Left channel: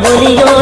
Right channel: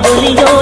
没有。